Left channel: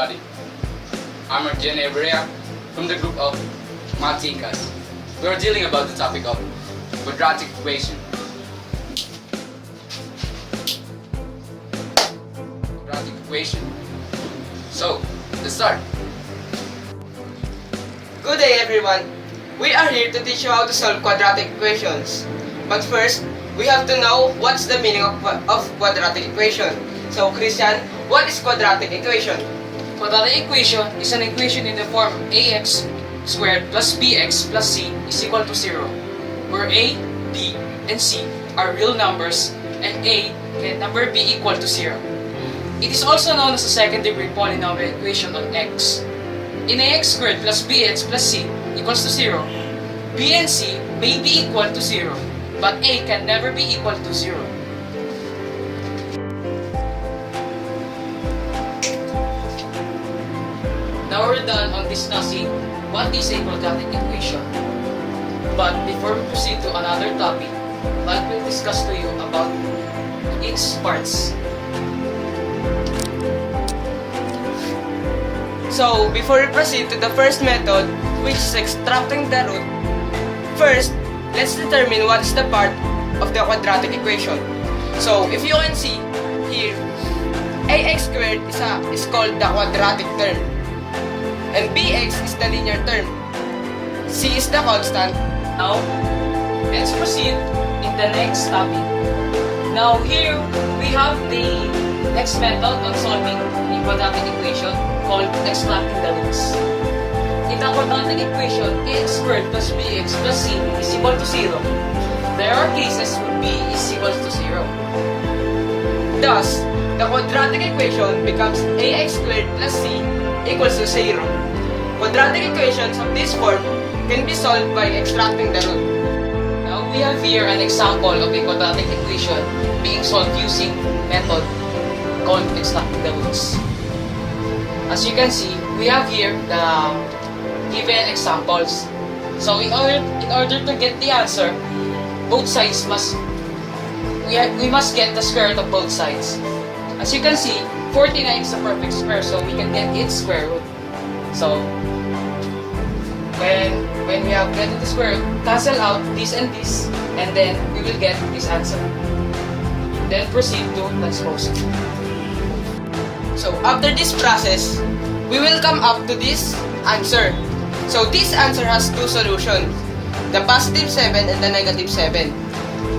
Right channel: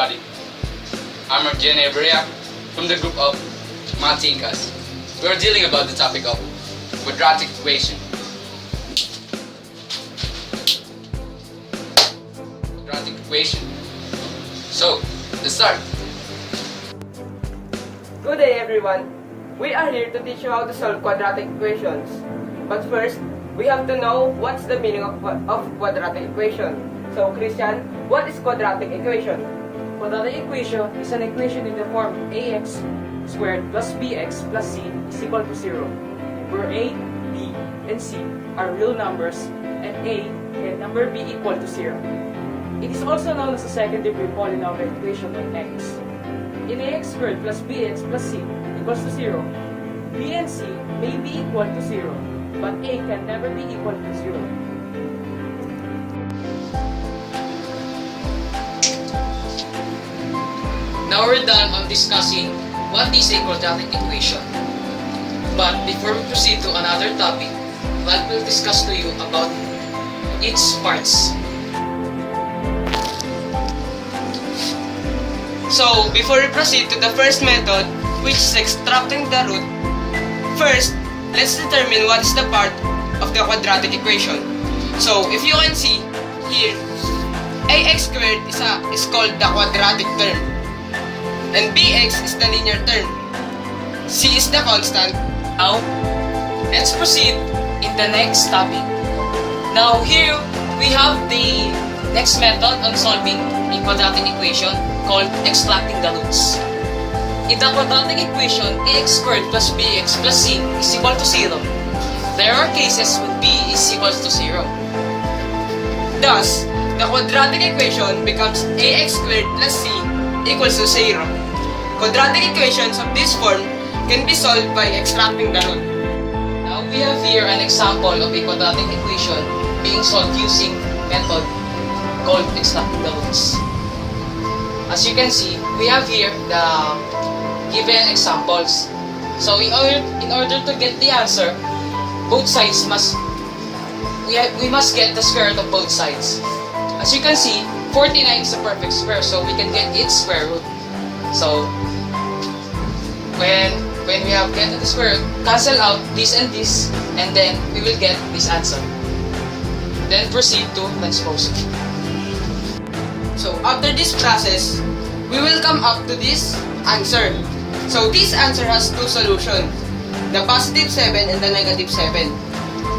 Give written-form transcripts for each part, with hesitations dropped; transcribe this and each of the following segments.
everybody. I'm Gian Erea from the group of Mathikas. We are dealing about the topic of quadratic equation. Quadratic equation. So, let's start. Good day everyone. We are here to teach you how to solve quadratic equations. But first, we have to know what's the meaning of quadratic equation. So Christian, what is quadratic equation? Quadratic equation is an equation in the form ax squared plus bx plus c is equal to 0, where a, b, and c are real numbers and a can number b equal to 0. It is also known as a second degree polynomial equation on x. In ax squared plus bx plus c equals to 0, b and c may be equal to 0, but a can never be equal to 0. Now we're done on discussing what is a quadratic equation. But before we proceed to another topic, I will discuss to you about its parts. So before we proceed to the first method, which is extracting the root, first, let's determine what is the part of the quadratic equation. So if you can see here, ax squared is called the quadratic term, and bx is the linear term, c is the constant. Now, let's proceed in the next topic. Now here, we have the next method on solving a quadratic equation called extracting the roots. In the quadratic equation, ax squared plus bx plus c is equal to 0. There are cases where b is equal to 0. Thus, the quadratic equation becomes ax squared plus c equals to 0. Quadratic equations of this form can be solved by extracting the root. Now we have here an example of a quadratic equation being solved using method called extracting the roots. As you can see, we have here the given examples. So in order to get the answer, both sides we must get the square root of both sides. As you can see, 49 is a perfect square, so we can get its square root. So when we have gotten the square root, cancel out this and this, and then we will get this answer. Then proceed to transpose. So after this process, we will come up to this answer. So this answer has two solutions, the positive 7 and the negative 7.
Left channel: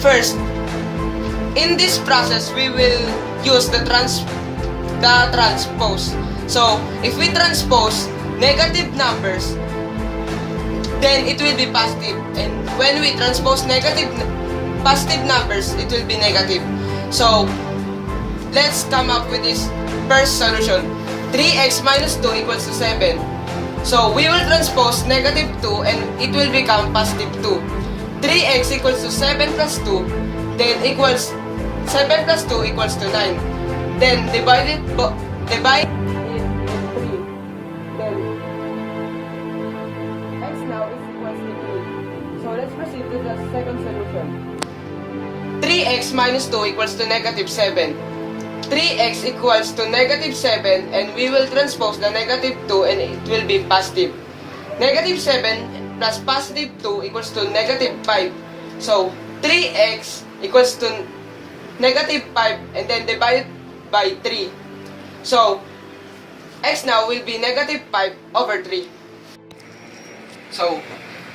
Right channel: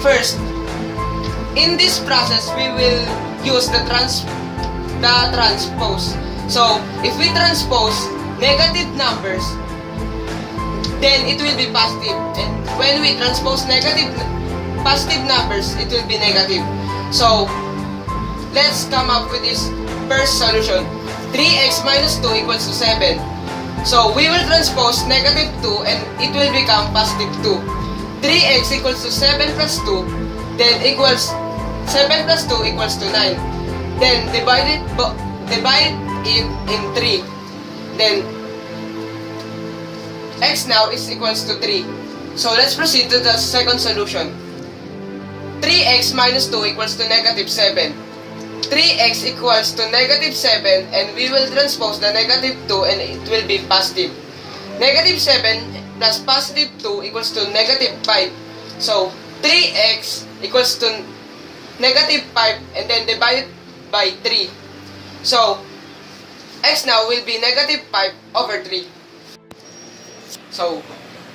First, in this process, we will use the transpose. So if we transpose negative numbers, then it will be positive. And when we transpose positive numbers, it will be negative. So let's come up with this first solution. 3x minus 2 equals to 7. So we will transpose negative 2 and it will become positive 2. 3x equals to 7 plus 2, then equals 7 plus 2 equals to 9. Then divide it in 3. Then x now is equals to 3. So let's proceed to the second solution. 3x minus 2 equals to negative 7. 3x equals to negative 7, and we will transpose the negative 2 and it will be positive. Negative 7 plus positive 2 equals to negative 5. So 3x equals to negative 5 and then divided by 3. So x now will be negative 5 over 3. So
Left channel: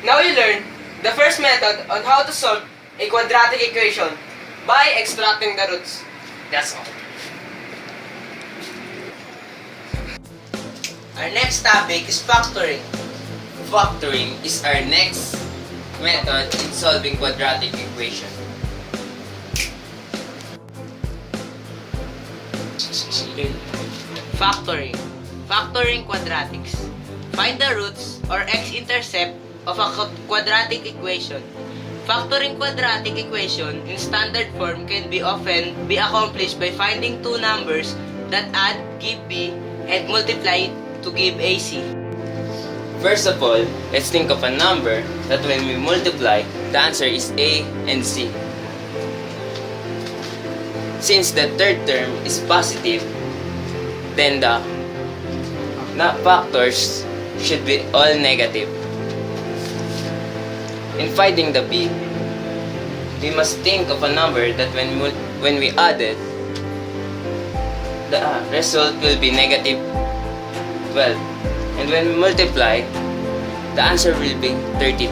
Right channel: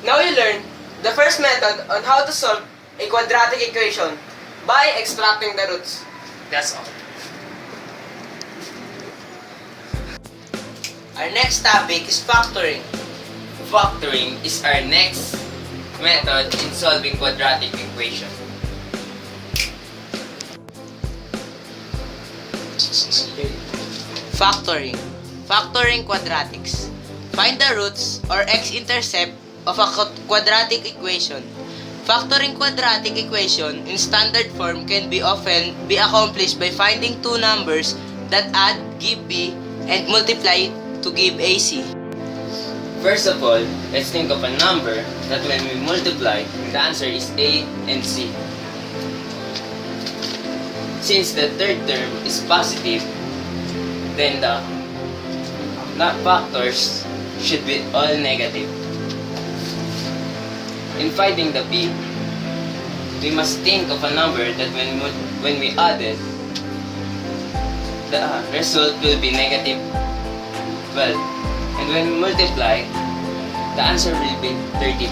now you learn the first method on how to solve a quadratic equation by extracting the roots. That's all. Our next topic is factoring. Factoring is our next method in solving quadratic equation. Factoring. Factoring quadratics. Find the roots or x-intercept of a quadratic equation. Factoring quadratic equation in standard form can often be accomplished by finding two numbers that add, give b, and multiply to give AC. First of all, let's think of a number that when we multiply, the answer is A and C. Since the third term is positive, then the factors should be all negative. In finding the p, we must think of a number that when we add it, the result will be negative 12. And when we multiply, the answer will be 32.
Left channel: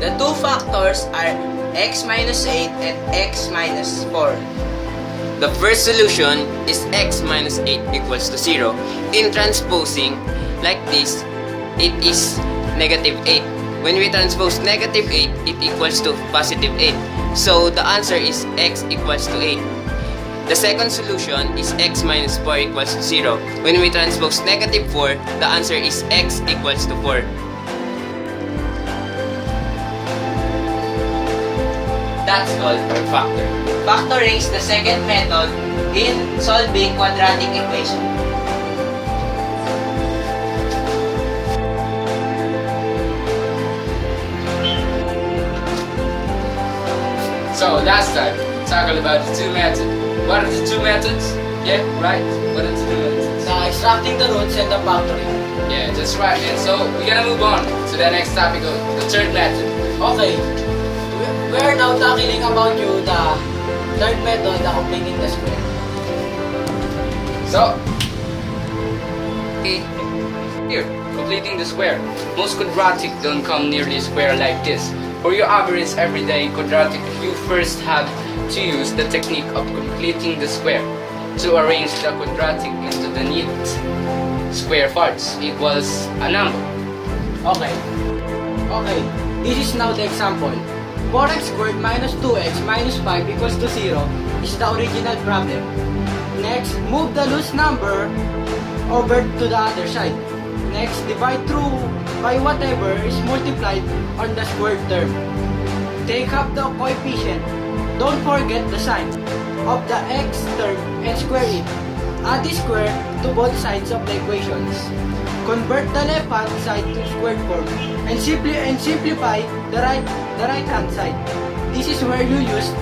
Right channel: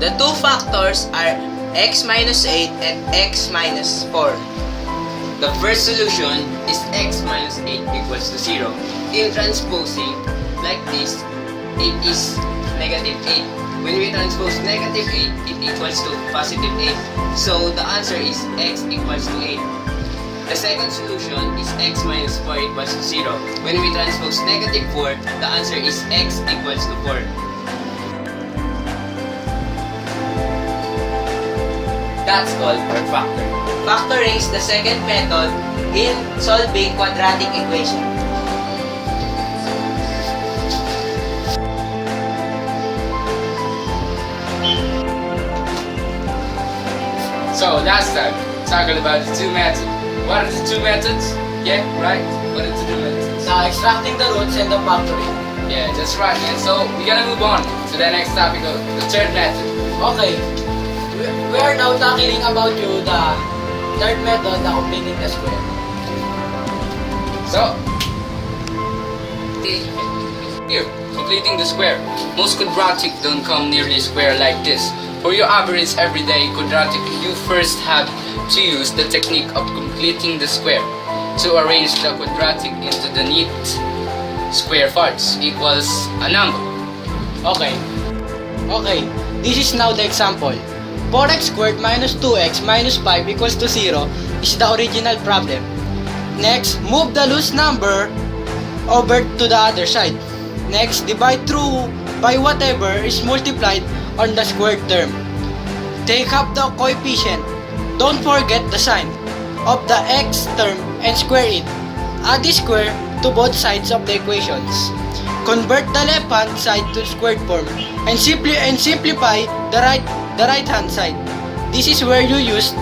The two factors are x minus 8 and x minus 4. The first solution is x minus 8 equals to 0. In transposing like this, it is negative 8. When we transpose negative 8, it equals to positive 8. So the answer is x equals to 8. The second solution is x minus 4 equals to 0. When we transpose negative 4, the answer is x equals to 4. That's called our factor. Factoring is the second method in solving quadratic equation. So last time, talking about the two methods. What are the two methods? Yeah, right? What are the two methods? The extracting the roots and the factoring. Yeah, that's right, man. So we're gonna move on to the next topic of the third method. Okay. We are now tackling about the third method, the completing the square. So, here, completing the square. Most quadratic don't come nearly square like this. For your average everyday quadratic, you first have to use the technique of completing the square to arrange the quadratic into the neat square parts equals a number. Okay. This is now the example. 4x squared minus 2x minus 5 equals to 0 is the original problem. Next, move the loose number over to the other side. Next, divide through by whatever is multiplied on the squared term. Take up the coefficient. Don't forget the sign of the x term and square it. Add the square to both sides of the equations. Convert the left-hand side to squared form and simplify the right hand side. This is where you use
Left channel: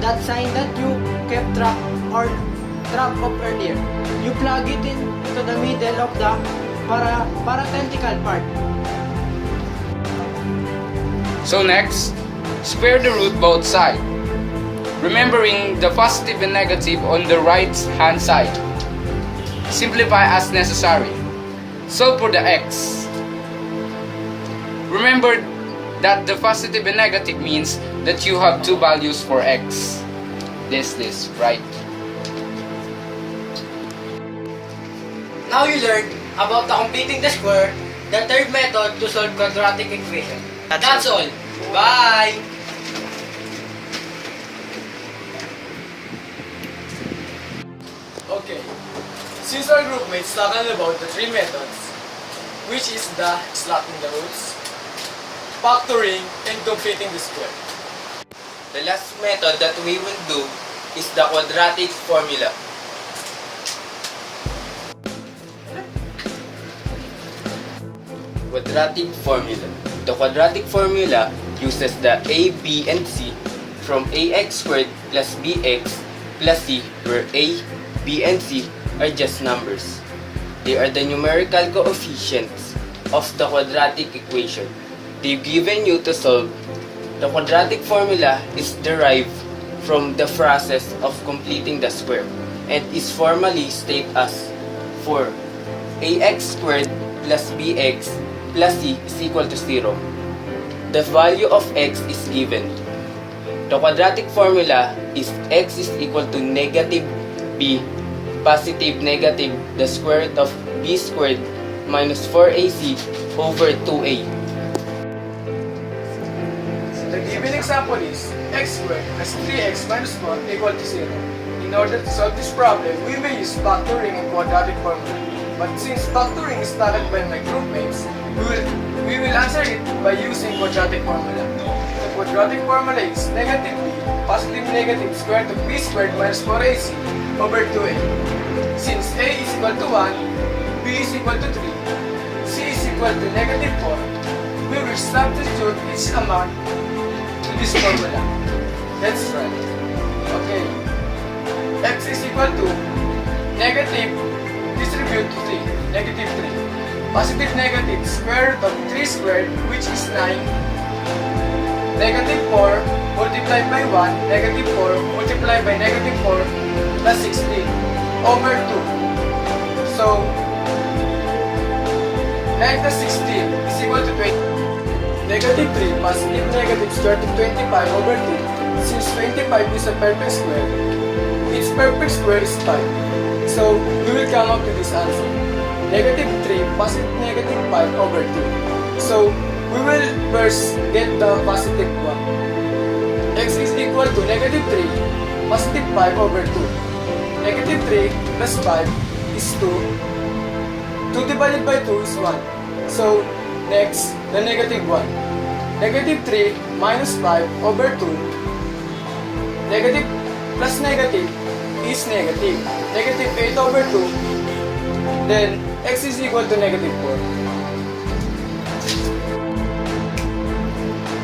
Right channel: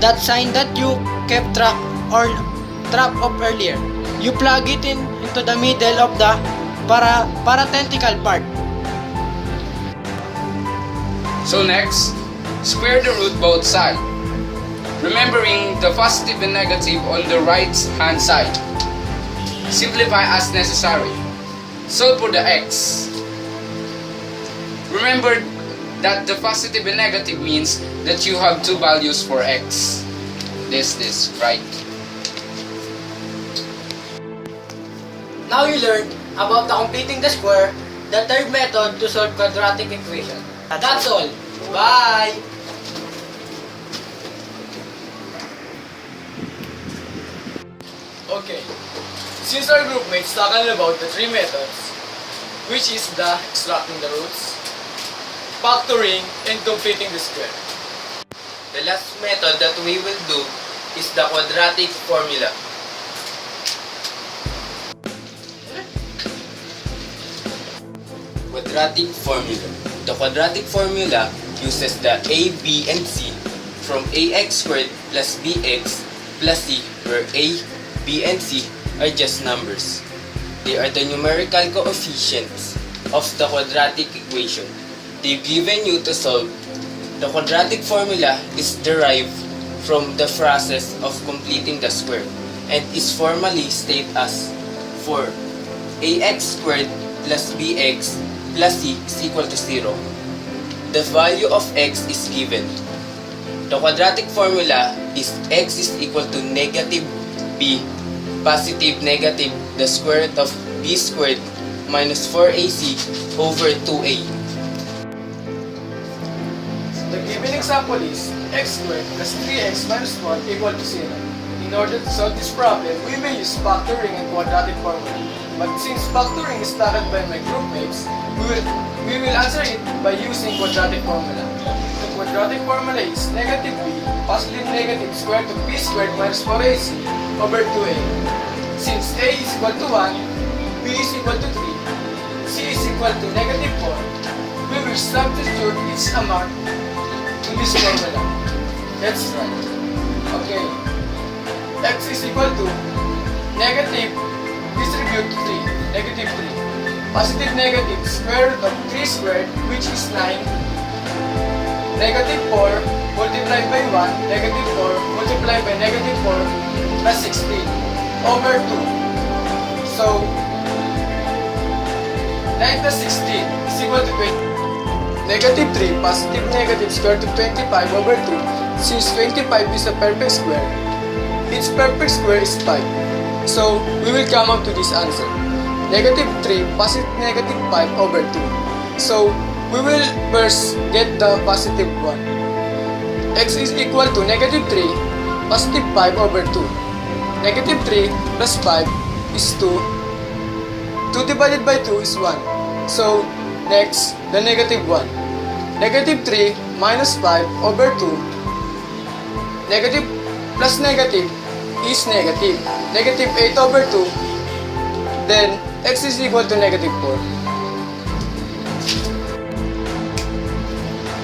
that sign that you kept track of earlier. You plug it into the middle of the parenthetical part. So next, square the root both sides, remembering the positive and negative on the right hand side. Simplify as necessary. Solve for the x. Remember that the positive and negative means that you have two values for x. This, right? Now you learned about the completing the square, the third method to solve quadratic equation. That's all. Bye! Okay, since our group mates tackled about the three methods, which is the extracting the roots, factoring, and completing the square. The last method that we will do is the quadratic formula. Quadratic formula. The quadratic formula uses the a, b, and c from ax squared plus bx plus c, where a, b, and c are just numbers. They are the numerical coefficients of the quadratic equation. They've given you to solve. The quadratic formula is derived from the process of completing the square and is formally stated as 4 ax squared plus bx plus c is equal to 0. The value of x is given. The quadratic formula is x is equal to negative b positive negative the square root of b squared minus 4ac over 2a. The given example is x squared plus 3x minus 1 equal to 0. In order to solve this problem, we may use factoring and quadratic formula. But since factoring is started by my group mates, we will answer it by using quadratic formula. The quadratic formula is negative b positive negative square root of b squared minus 4ac over 2a. Since a is equal to 1, b is equal to 3, c is equal to negative 4, we will substitute its amount in this formula. Let's try. Okay. X is equal to negative, disregard contribute to 3, negative 3. Positive negative, square root of 3 squared, which is 9. Negative 4 multiplied by 1, negative 4 multiplied by negative 4 plus 16 over 2. So, like the 16 is equal to 20. Negative 3 positive negative square root of 25 over 2. Since 25 is a perfect square, its perfect square is 5. So, we will come up to this answer. Negative 3 positive negative 5 over 2. So, we will first get the positive 1. X is equal to negative 3 positive 5 over 2. Negative 3 plus 5 is 2. 2 divided by 2 is 1. So, next, the negative 1. Negative 3 minus 5 over 2. Negative plus negative is negative. Negative 8 over 2. Then, x is equal to negative 4.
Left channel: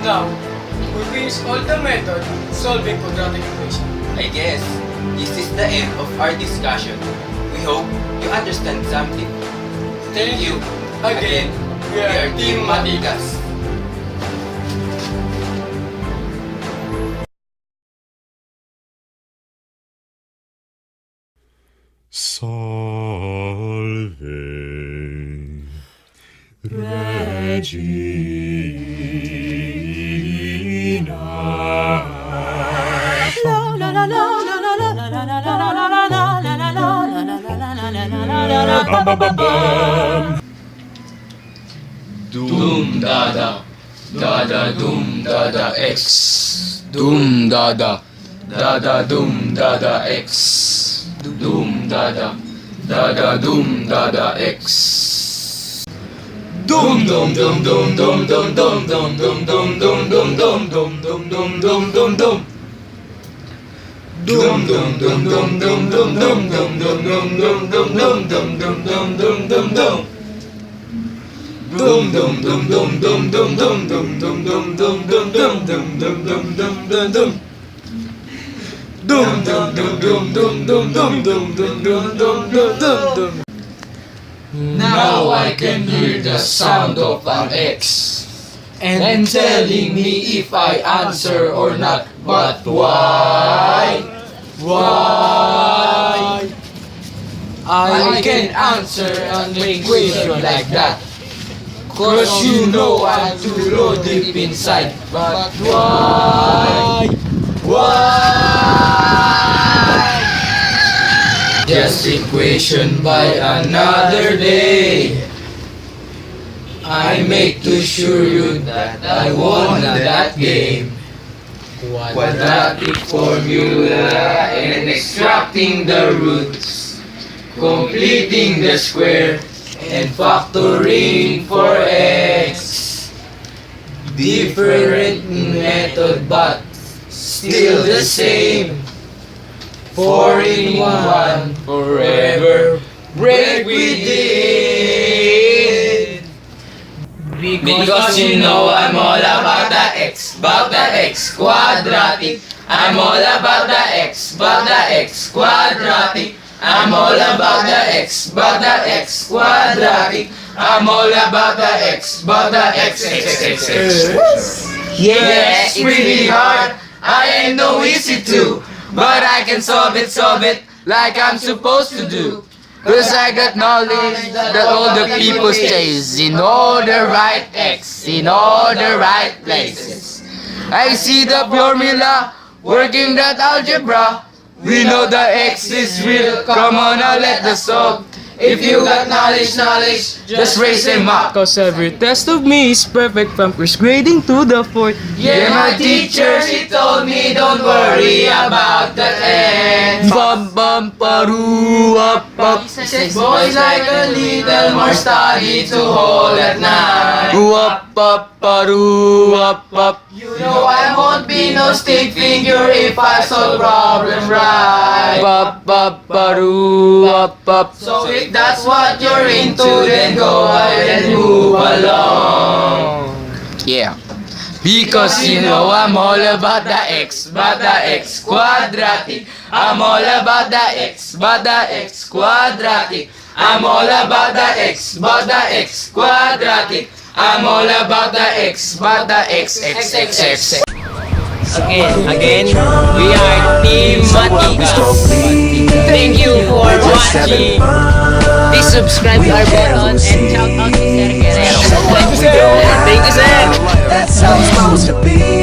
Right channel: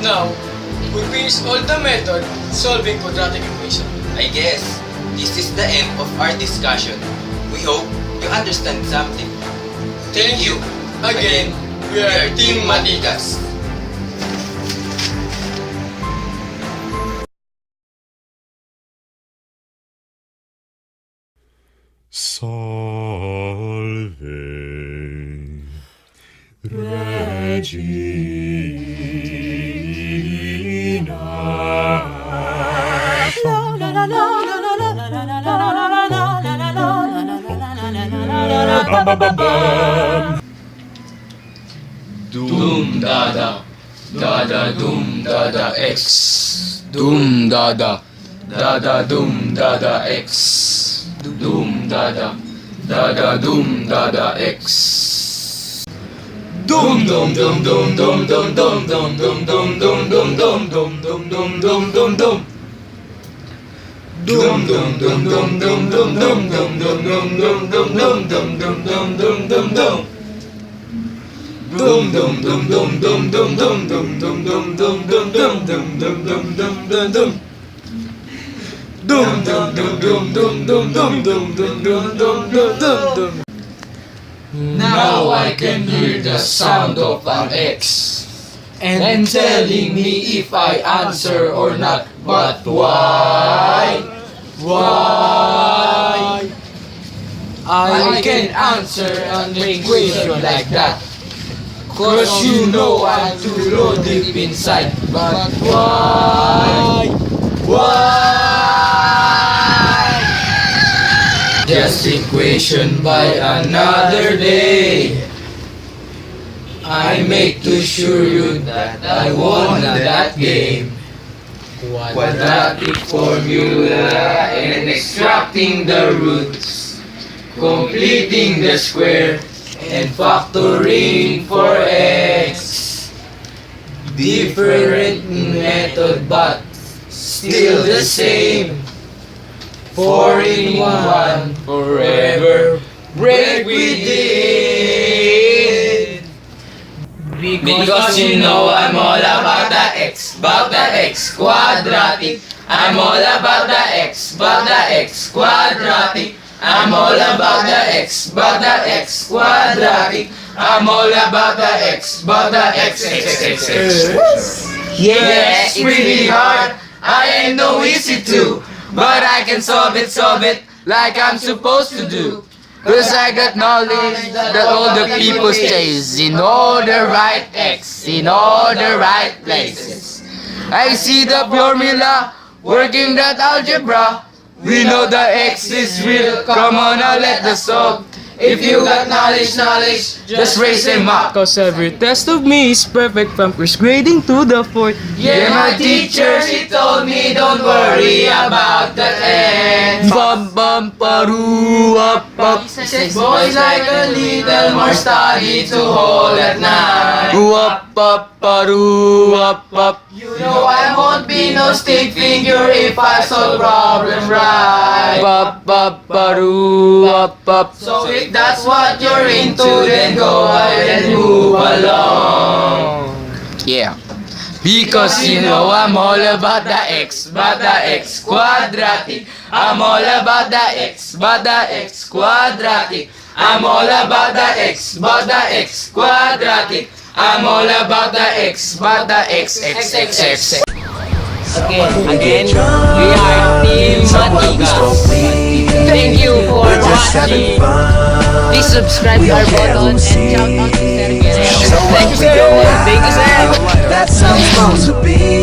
Now, we finish all the method solving quadratic equation. I guess this is the end of our discussion. We hope you understand something. Thank you. Again, we are Team Mathikas. Salve Regina. Doom dada, dada doom dada X. Doom dada, dada doom dada X. Doom dada, dada doom dada X. Doom dum dum dum dum dum dum dum dum dum dum dum dum dum dum dum dum dum dum. Dum dum dum dum dum dum dum dum dum dum dum dum dum dum dum dum dum dum dum. Dum dum dum dum dum dum dum dum dum dum dum dum dum dum dum dum dum dum dum. Dum dum dum dum dum dum dum dum dum dum dum dum dum. Now I can hear the sound of an X and telling me if I answer or not. But why? Why? I can answer an equation like that. Cause you know I'm too low deep inside. But why? Why? Just equation by another day. I make to sure you that I won that game. Quadratic formula and extracting the roots, completing the square and factoring for x. Different method but still the same. 4 in 1 forever. Break within. Because you know I'm all about the x quadratic. I'm all about the x quadratic. I'm all about the x quadratic. I'm all about the x x. Yeah, it's pretty hard. I ain't no easy to, but I can solve it like I'm supposed to do. Cause I got knowledge that all the people chase in all the right X, in all the right places. I see the formula, working that algebra. We know the X is real, come on now let us solve. If you got knowledge, just raise them up. Cause every test of me is perfect from first grading to the fourth. Yeah, my teacher, she told me don't worry about the end. Bum bum paru up up. Boys like a little more study to hold at night. Up up paru up up. You know I won't be no stick figure if I solve problem right. Up up paru up up. So if that's what you're into, then go ahead and move along. Yeah. Because you know I'm all about the x quadratic. I'm all about the x quadratic. I'm all about the X, quadratic. I'm all about the X, X. Again, we are Team Mathikas. Thank you for watching. Please subscribe to our button and shout out to Sir Guerrero. Thank you, sir. Thank you, sir. That's how it's supposed to be.